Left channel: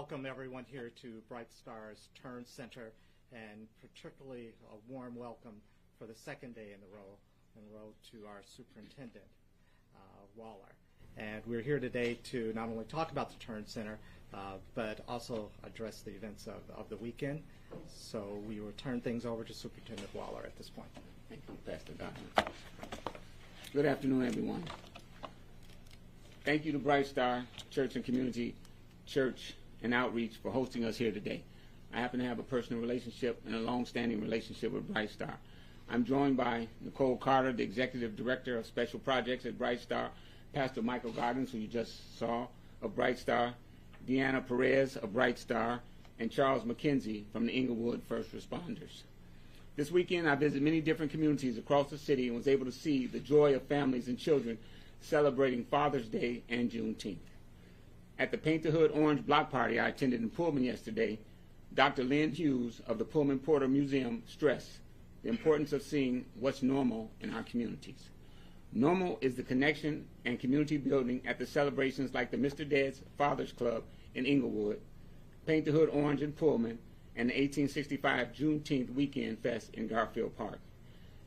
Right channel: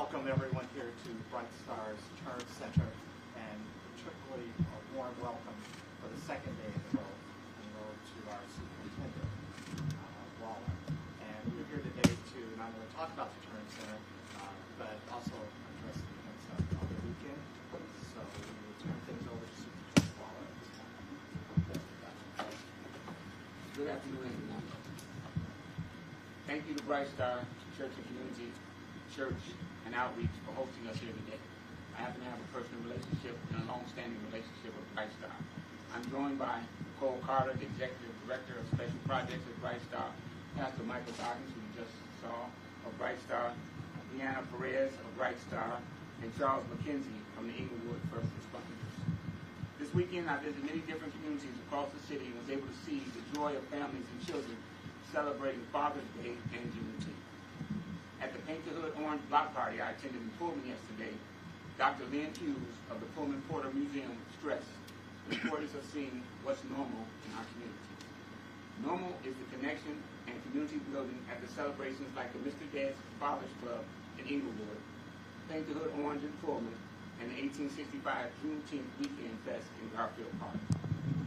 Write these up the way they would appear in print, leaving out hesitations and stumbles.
welcome everyone here to Bright Star's Turn Center, and particularly a warm welcome for the second day in a row to our superintendent, Waller. And we're here today to not only talk about the Turn Center, but also address the events of the weekend. So we will turn things over to Superintendent Waller at this point. Thank you, Doctor. Good afternoon, everyone. Thank you to Bright Star Church and Community Church and Outreach for hosting us here today. I happen to have a personal relationship and a long-standing relationship with Bright Star. I'm joined by Nicole Carter, the Executive Director of Special Projects at Bright Star, Pastor Michael Goggins, who you just saw, of Bright Star, Deanna Perez of Bright Star, and Charles McKenzie from the Inglewood First Responders. This weekend, I visited many different communities across the city and was able to see the joy of families and children celebrating Father's Day and Juneteenth. At the Paint the Hood Orange Block Party I attended in Pullman yesterday, Dr. Lynn Hughes of the Pullman Porter Museum stressed the importance of seeing what's normal in our communities. Normal is the connection and community building at the celebrations like the Mr. Dead's Fathers Club in Inglewood, Paint the Hood Orange in Pullman, and the 1865 Juneteenth Weekend Fest in Garfield Park.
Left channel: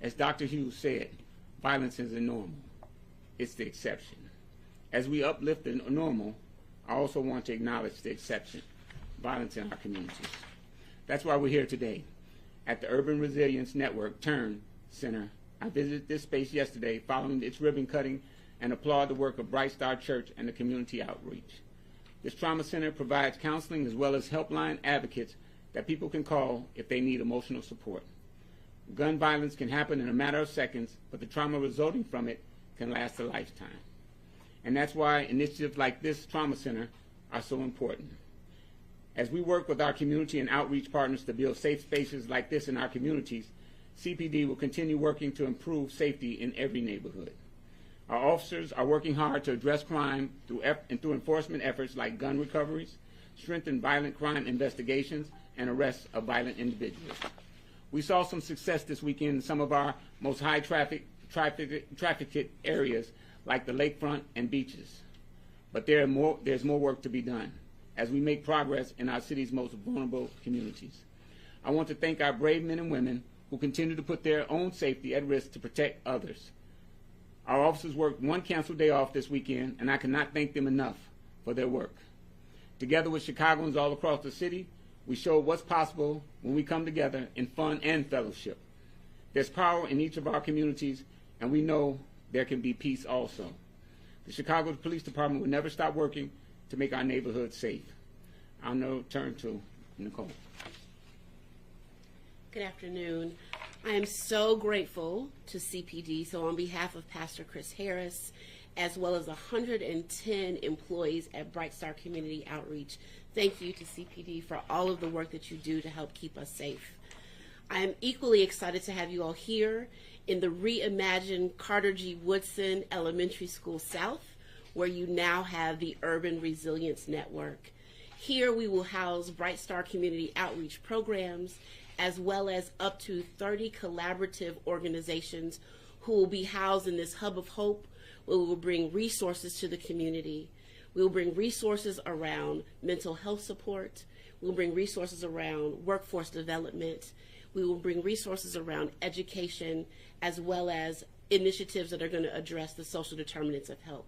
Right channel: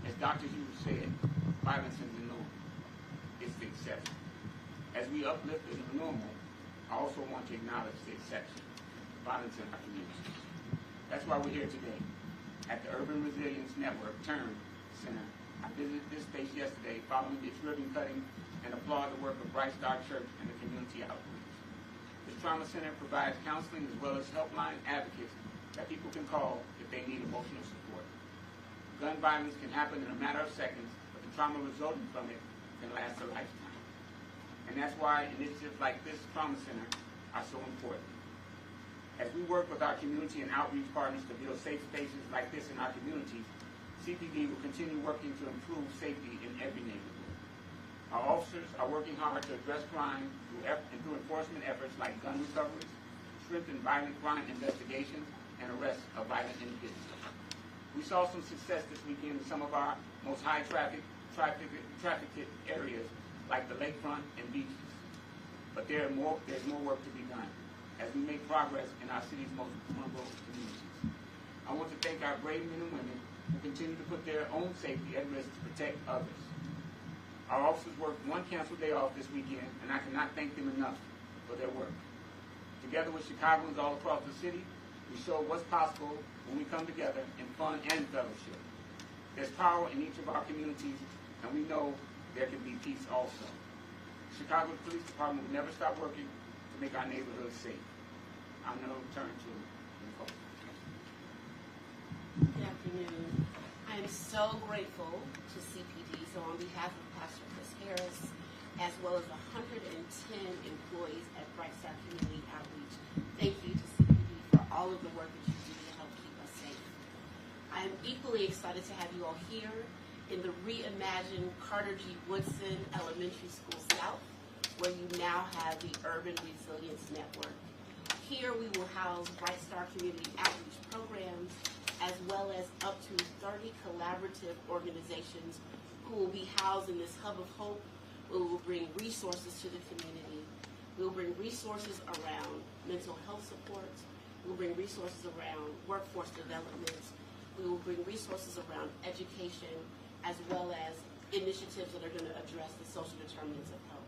As Dr. Hughes said, violence isn't normal. It's the exception. As we uplift the normal, I also want to acknowledge the exception, violence in our communities. That's why we're here today. At the Urban Resilience Network Turn Center, I visited this space yesterday following its ribbon cutting and applaud the work of Bright Star Church and the community outreach. This trauma center provides counseling as well as helpline advocates that people can call if they need emotional support. Gun violence can happen in a matter of seconds, but the trauma resulting from it can last a lifetime. And that's why initiatives like this trauma center are so important. As we work with our community and outreach partners to build safe spaces like this in our communities, CPD will continue working to improve safety in every neighborhood. Our officers are working hard to address crime through enforcement efforts like gun recoveries, strengthen violent crime investigations, and arrests of violent individuals. We saw some success this weekend in some of our most high trafficked areas like the lakefront and beaches. But there's more work to be done as we make progress in our city's most vulnerable communities. I want to thank our brave men and women who continue to put their own safety at risk to protect others. Our officers worked one canceled day off this weekend, and I cannot thank them enough for their work. Together with Chicagoans all across the city, we showed what's possible when we come together in fun and fellowship. There's power in each of our communities, and we know there can be peace also. The Chicago Police Department will never stop working to make our neighborhoods safe. I'll now turn to Nicole. Good afternoon. I am so grateful to CPD. So on behalf of Pastor Chris Harris, as well as 110 employees at Bright Star Community Outreach, thank you to CPD for all of the work that you do to help keep us safe. I am equally excited to have you all here in the reimagined Carter G. Woodson Elementary School South, where you now have the Urban Resilience Network. Here we will house Bright Star Community Outreach programs, as well as up to 30 collaborative organizations who will be housed in this hub of hope, where we will bring resources to the community. We will bring resources around mental health support. We will bring resources around workforce development. We will bring resources around education, as well as initiatives that are going to address the social determinants of health.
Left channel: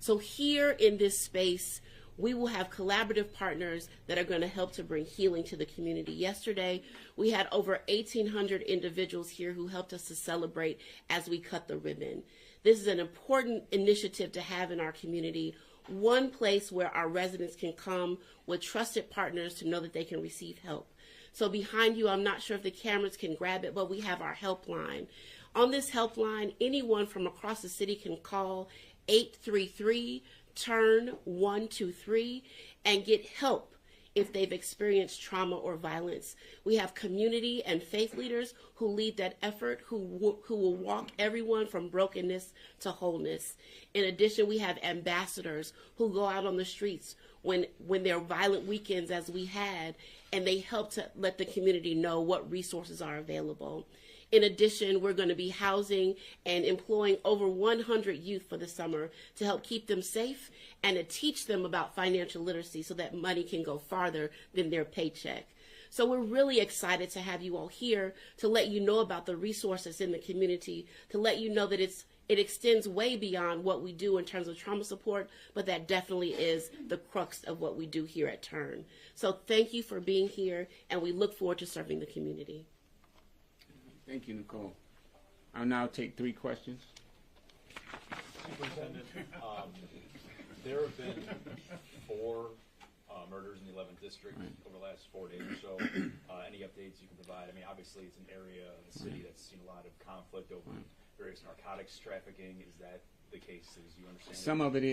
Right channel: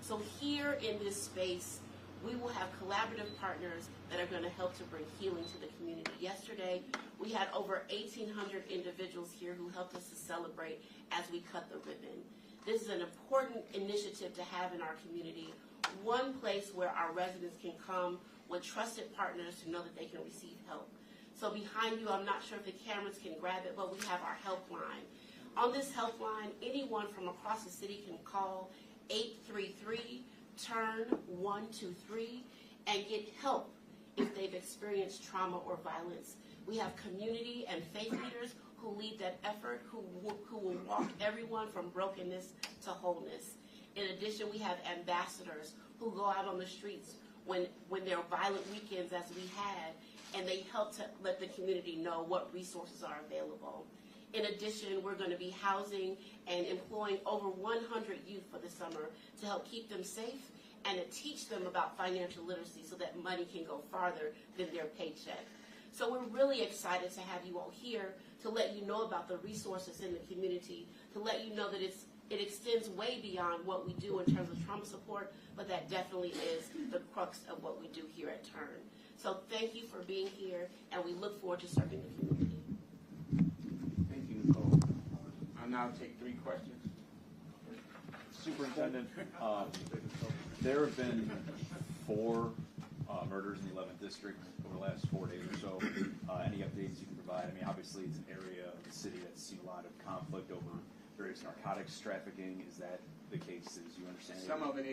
So here in this space, we will have collaborative partners that are going to help to bring healing to the community. Yesterday, we had over 1,800 individuals here who helped us to celebrate as we cut the ribbon. This is an important initiative to have in our community, one place where our residents can come with trusted partners to know that they can receive help. So behind you, I'm not sure if the cameras can grab it, but we have our helpline. On this helpline, anyone from across the city can call 833-TURN-123 and get help if they've experienced trauma or violence. We have community and faith leaders who lead that effort, who will walk everyone from brokenness to wholeness. In addition, we have ambassadors who go out on the streets when there are violent weekends, as we had, and they help to let the community know what resources are available. In addition, we're going to be housing and employing over 100 youth for the summer to help keep them safe and to teach them about financial literacy so that money can go farther than their paycheck. So we're really excited to have you all here to let you know about the resources in the community, to let you know that it extends way beyond what we do in terms of trauma support, but that definitely is the crux of what we do here at Turn. So thank you for being here, and we look forward to serving the community. Thank you, Nicole. I'll now take 3 questions. Superintendent, there have been 4 murders in the 11th district over the last 4 days or so. Any updates you can provide? I mean, obviously it's an area of the city that's seen a lot of conflict over various narcotics trafficking. Is that the case, as you understand? Some of it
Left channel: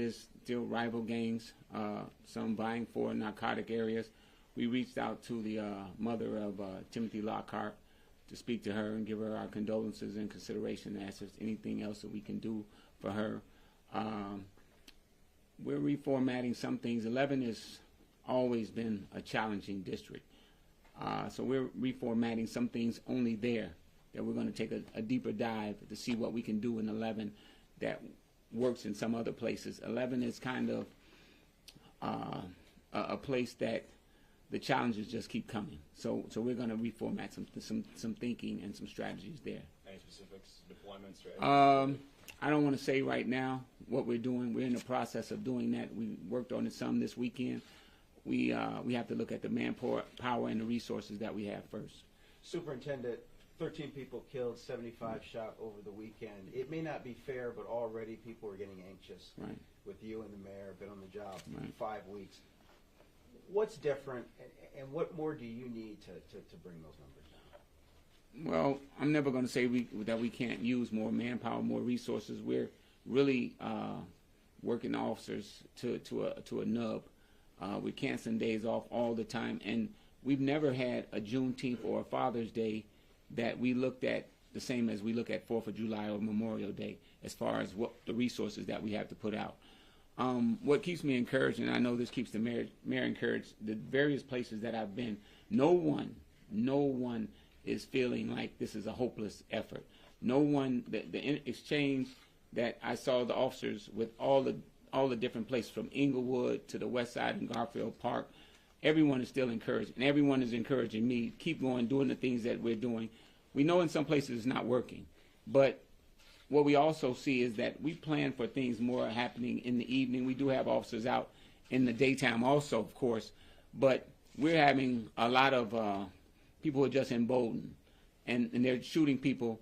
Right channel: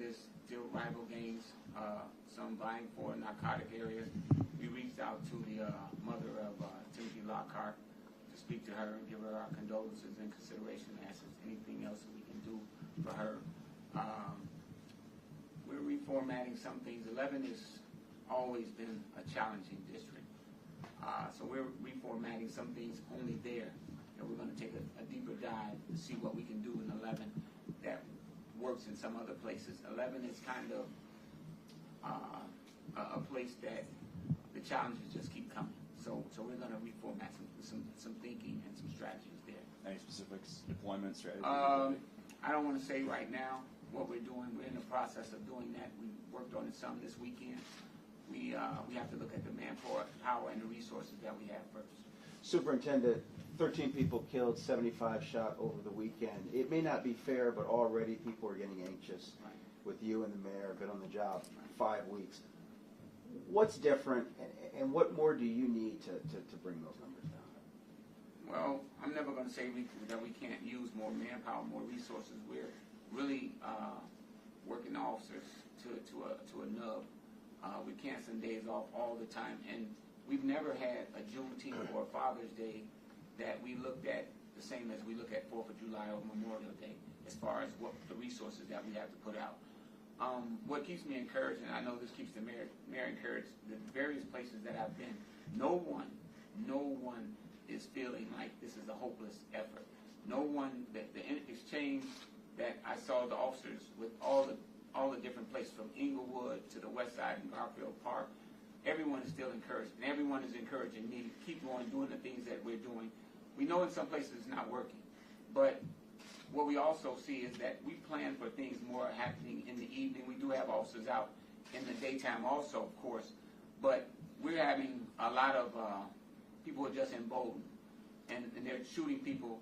is still rival gangs, some vying for narcotic areas. We reached out to the mother of Timothy Lockhart to speak to her and give her our condolences and consideration as if anything else that we can do for her. We're reformatting some things. 11 has always been a challenging district. So we're reformatting some things only there, that we're going to take a deeper dive to see what we can do in 11 that works in some other places. 11 is kind of a place that the challenges just keep coming. So we're going to reformat some thinking and some strategies there. Any specifics, employment strategy? I don't want to say right now what we're doing. We're in the process of doing that. We worked on it some this weekend. We have to look at the manpower and the resources that we have first. Superintendent, 13 people killed, 75 shot over the weekend. It may not be fair, but already people are getting anxious. Right. With you and the mayor, been on the job Right. 5 weeks. What's different, and what more do you need to bring those numbers down? Well, I'm never going to say that we can't use more manpower, more resources. We're really working officers to a nub. We're canceling days off all the time, and we've never had a Juneteenth or a Father's Day that we looked at the same as we look at 4th of July or Memorial Day as far as what the resources that we have to put out. What keeps me encouraged, and I know this keeps the mayor encouraged, the various places that I've been, no one is feeling like this is a hopeless effort. No one, the exchange that I saw the officers with all the different places from Inglewood to the West Side and Garfield Park, everyone is still encouraged, and everyone is encouraging me, keep going, doing the things that we're doing. We know in some places it's not working, but what we also see is that we plan for things more happening in the evening. We do have officers out in the daytime also, of course, but we're having a lot of people who are just emboldened, and they're shooting people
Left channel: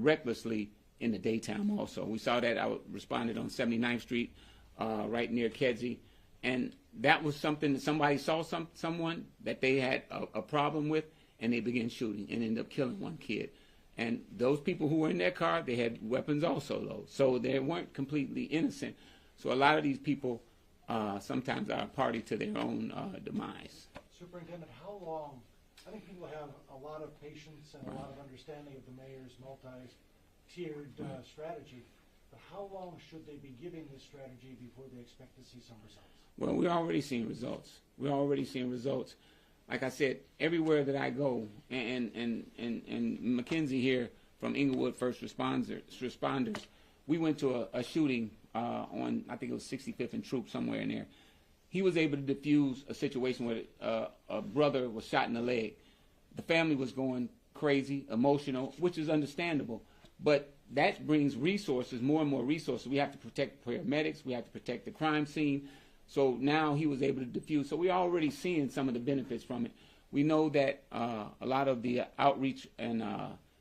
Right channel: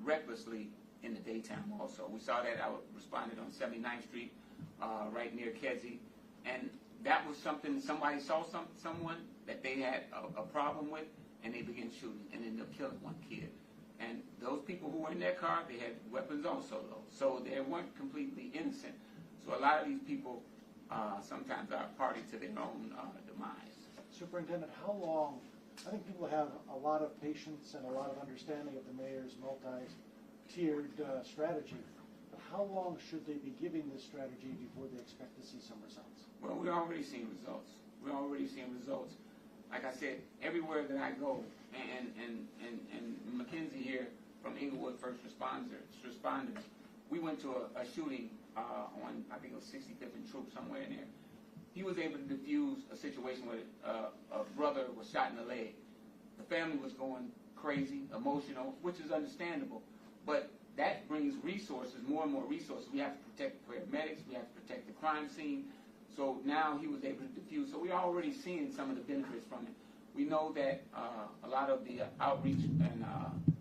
recklessly in the daytime also. We saw that. I responded on 79th Street, right near Kedzie, and that was something that somebody saw someone that they had a problem with, and they began shooting and ended up killing one kid. And those people who were in that car, they had weapons also, though. So they weren't completely innocent. So a lot of these people sometimes are a party to their own demise. Superintendent, how long, I think people have a lot of patience and a lot of understanding of the mayor's multi-tiered strategy, but how long should they be giving this strategy before they expect to see some results? Well, we're already seeing results. Like I said, everywhere that I go, and Mackenzie here from Inglewood First Responders, we went to a shooting on, I think it was 65th and Troop, somewhere in there. He was able to defuse a situation where a brother was shot in the leg. The family was going crazy, emotional, which is understandable. But that brings resources, more and more resources. We have to protect paramedics. We have to protect the crime scene. So now he was able to diffuse. So we're already seeing some of the benefits from it. We know that a lot of the outreach and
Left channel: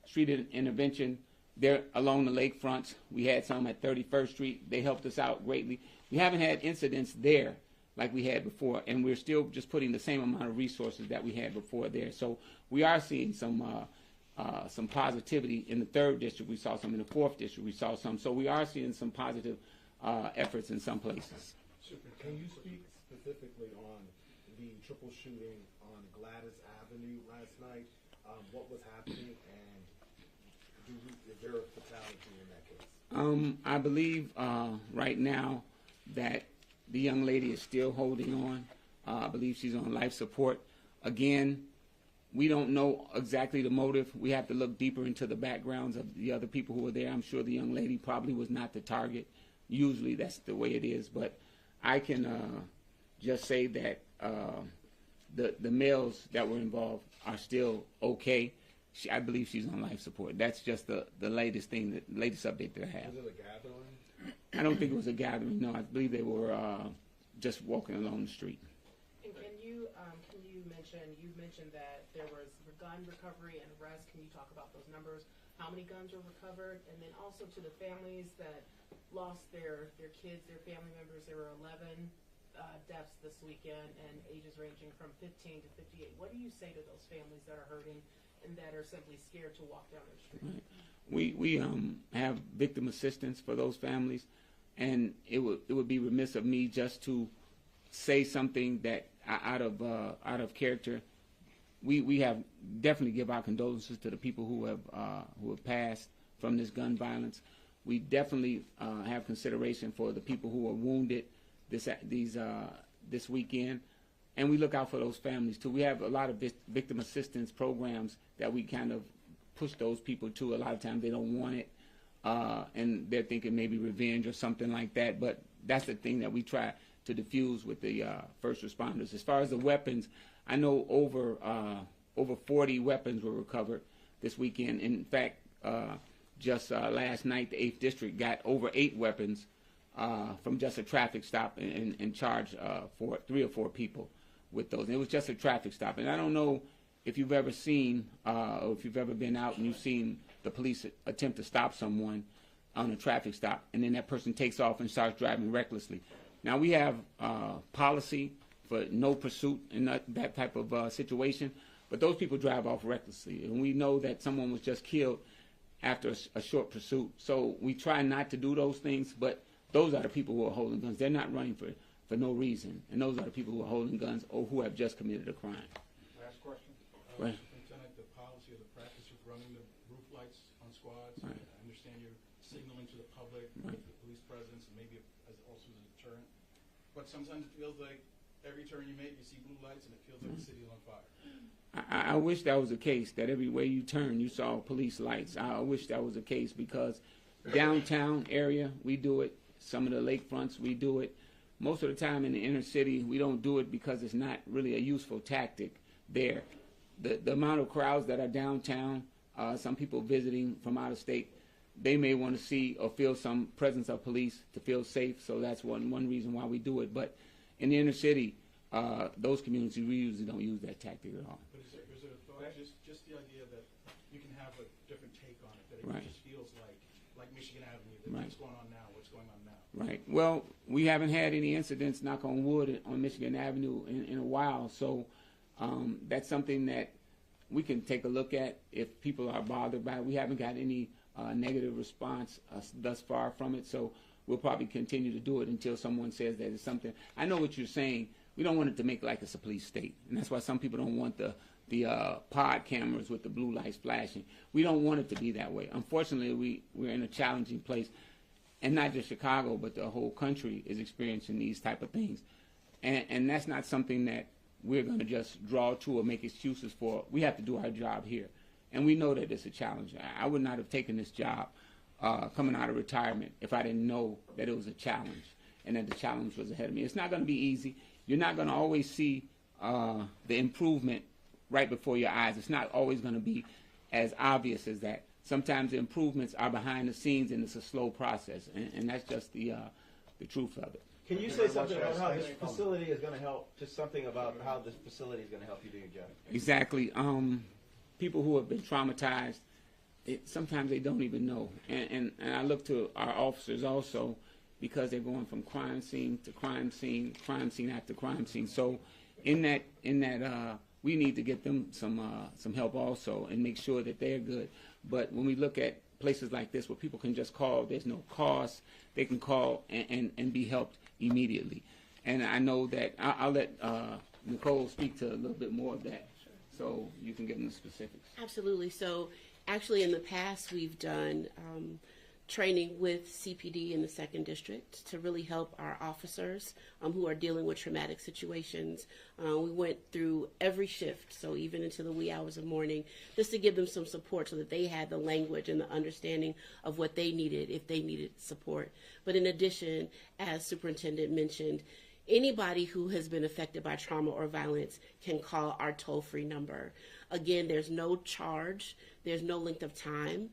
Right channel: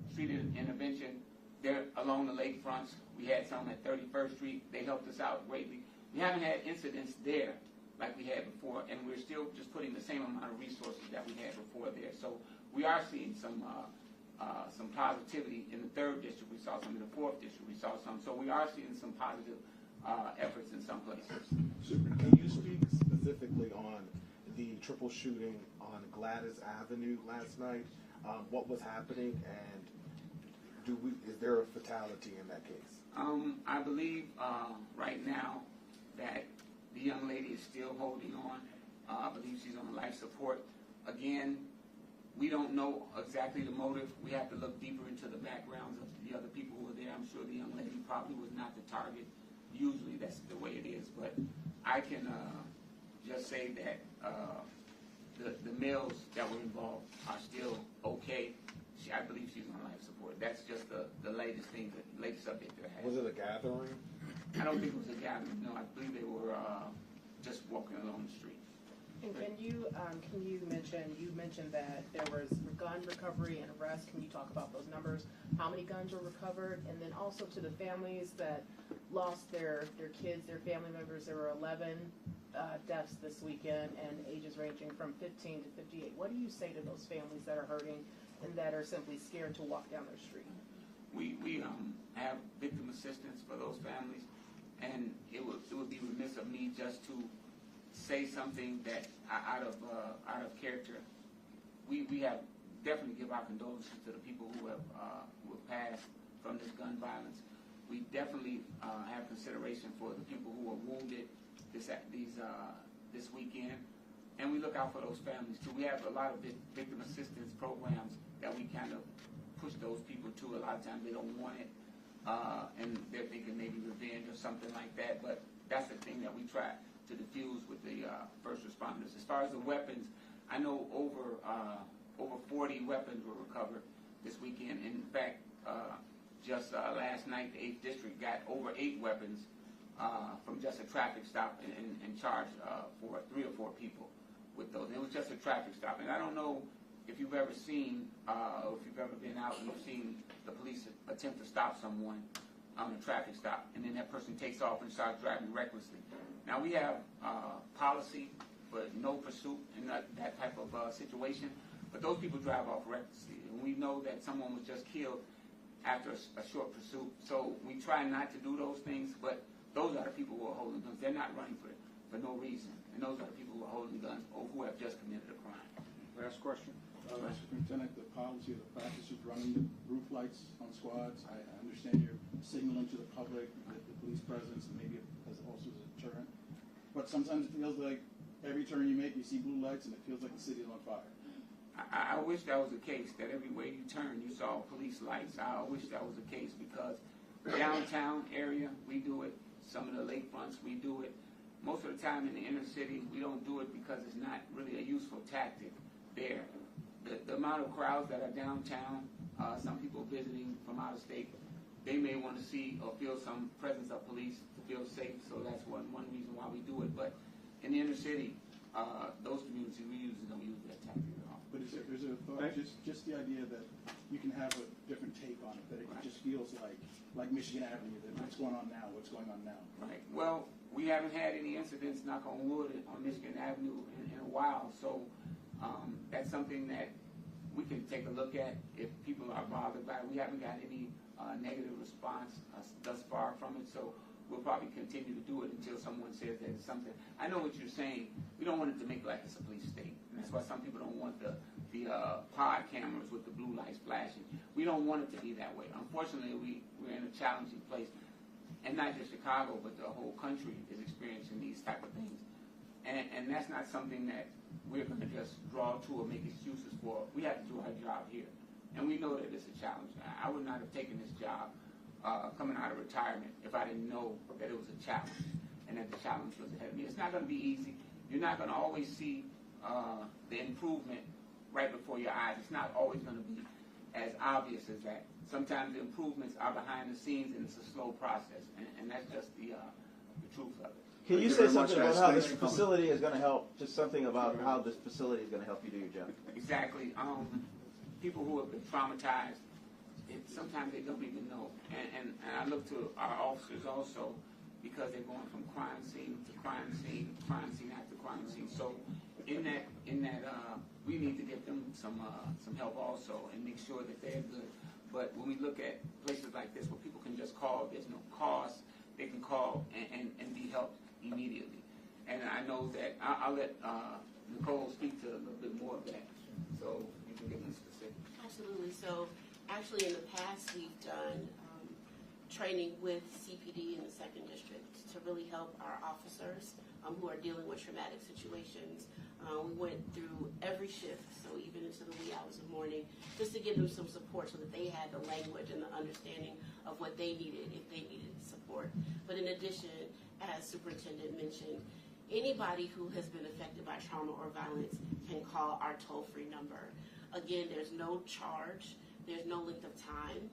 street intervention, they're along the lakefronts. We had some at 31st Street. They helped us out greatly. We haven't had incidents there like we had before, and we're still just putting the same amount of resources that we had before there. So we are seeing some positivity in the 3rd district. We saw some in the 4th district. We saw some. So we are seeing some positive efforts in some places. Can you speak specifically on the triple shooting on Gladys Avenue last night? What was happening, and is there a fatality in that case? I believe right now that the young lady is still holding on. I believe she's on life support. Again, we don't know exactly the motive. We have to look deeper into the backgrounds of the other people who were there. I'm sure the young lady probably was not the target. usually that's the way it is. But I can just say that the males that were involved are still okay. I believe she's on life support. That's just the latest thing, the latest update that I have. Was it a gathering? I don't think it was a gathering. No, I believe they were just walking along the street. And can you mentioned that there was gun recovery and arrest. Can you talk about those numbers? How many guns were recovered? And then also to the families that lost their kids, their family members. There were 11 deaths this weekend, and ages ranging from 15 to 58. What do you say to those families that are hurting and that are simply scared to walk down their street? We have victim assistance for those families, and it would be remiss of me just to say something that out of character. We have definitely give our condolences to the people who have passed from this gun violence. We definitely have consideration for the people who are wounded this weekend, and we look out for those families too. We have a lot of victim assistance programs that we kind of push those people to. A lot of times they don't want it, and they're thinking maybe revenge or something like that. But that's the thing that we try to diffuse with the first responders. As far as the weapons, I know over 40 weapons were recovered this weekend. In fact, just last night, the 8th District got over 8 weapons from just a traffic stop and charged for 3 or 4 people with those. And it was just a traffic stop. And I don't know if you've ever seen or if you've ever been out and you've seen the police attempt to stop someone on a traffic stop, and then that person takes off and starts driving recklessly. Now, we have policy for no pursuit in that type of situation, but those people drive off recklessly. And we know that someone was just killed after a short pursuit. So we try not to do those things, but those are the people who are holding guns. They're not running for no reason. And those are the people who are holding guns or who have just committed a crime. Last question. Right. Lieutenant, the policy, the practice of running the roof lights on squads, I understand you're signaling to the public with the police presence and maybe as also as a deterrent. But sometimes it feels like every turn you make, you see blue lights and it feels like the city's on fire. I wish that was the case, that everywhere you turn you saw police lights. I wish that was the case, because downtown area, we do it. Some of the lakefronts, we do it. Most of the time in the inner city, we don't do it because it's not really a useful tactic there. The amount of crowds that are downtown, some people visiting from out of state, they may want to see or feel some presence of police to feel safe, so that's one reason why we do it. But in the inner city, those communities, we usually don't use that tactic at all. But is there a thought, just the idea that you can have a different take on it, that it just feels like Michigan Avenue, that what's going on now, what's going on now? Right. Well, we haven't had any incidents, knock on wood, on Michigan Avenue in a while, so that's something that we can take a look at if people are bothered by it. We haven't got any negative response thus far from it, so we'll probably continue to do it until someone says that it's something. I know what you're saying. We don't want it to make like it's a police state, and that's why some people don't want the pod cameras with the blue lights flashing. We don't want it to be that way. Unfortunately, we're in a challenging place, and not just Chicago, but the whole country is experiencing these type of things, and that's not something that we're going to just draw to or make excuses for. We have to do our job here, and we know that it's a challenge. I would not have taken this job coming out of retirement if I didn't know that it was a challenge and that the challenge was ahead of me. It's not going to be easy. You're not going to always see the improvement right before your eyes. It's not always going to be as obvious as that. Sometimes the improvements are behind the scenes, and it's a slow process, and that's just the truth of it. Can you say something about how this facility is going to help? Just something about how this facility is going to help you do your job. Exactly. People who have been traumatized, sometimes they don't even know. And I look to our officers also, because they're going from crime scene to crime scene after crime scene. So in that we need to get them some help also and make sure that they're good. But when we look at places like this where people can just call, there's no cost, they can call and be helped immediately. And I know that I'll let Nicole speak to a little bit more of that, so you can give them the specifics. Absolutely. So actually in the past we've done training with CPD in the 2nd District to really help our officers who are dealing with traumatic situations. We went through every shift, so even into the wee hours of morning, just to give them some support so that they had the language and the understanding of what they needed if they needed support. But in addition, as Superintendent mentioned, anybody who has been affected by trauma or violence can call our toll-free number. Again, there's no charge, there's no length of time.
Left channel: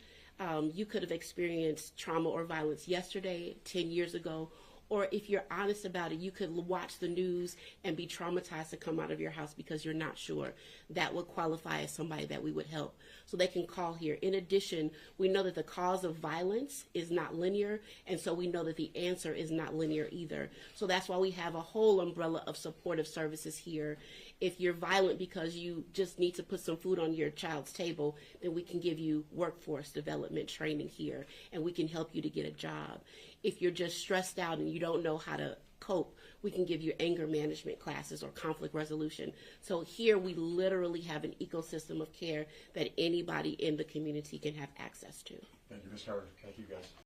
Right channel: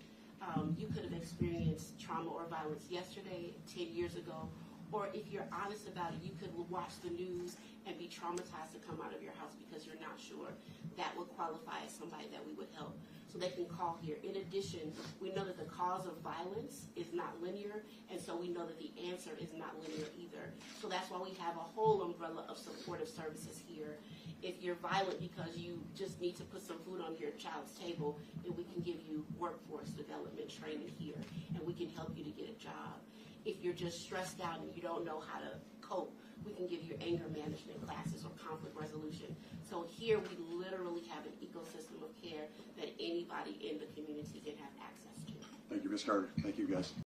You could have experienced trauma or violence yesterday, 10 years ago, or if you're honest about it, you could watch the news and be traumatized to come out of your house because you're not sure. That would qualify as somebody that we would help. So they can call here. In addition, we know that the cause of violence is not linear, and so we know that the answer is not linear either. So that's why we have a whole umbrella of supportive services here. If you're violent because you just need to put some food on your child's table, then we can give you workforce development training here, and we can help you to get a job. If you're just stressed out and you don't know how to cope, we can give you anger management classes or conflict resolution. So here we literally have an ecosystem of care that anybody in the community can have access to. Thank you, Ms. Carter. Thank you, guys.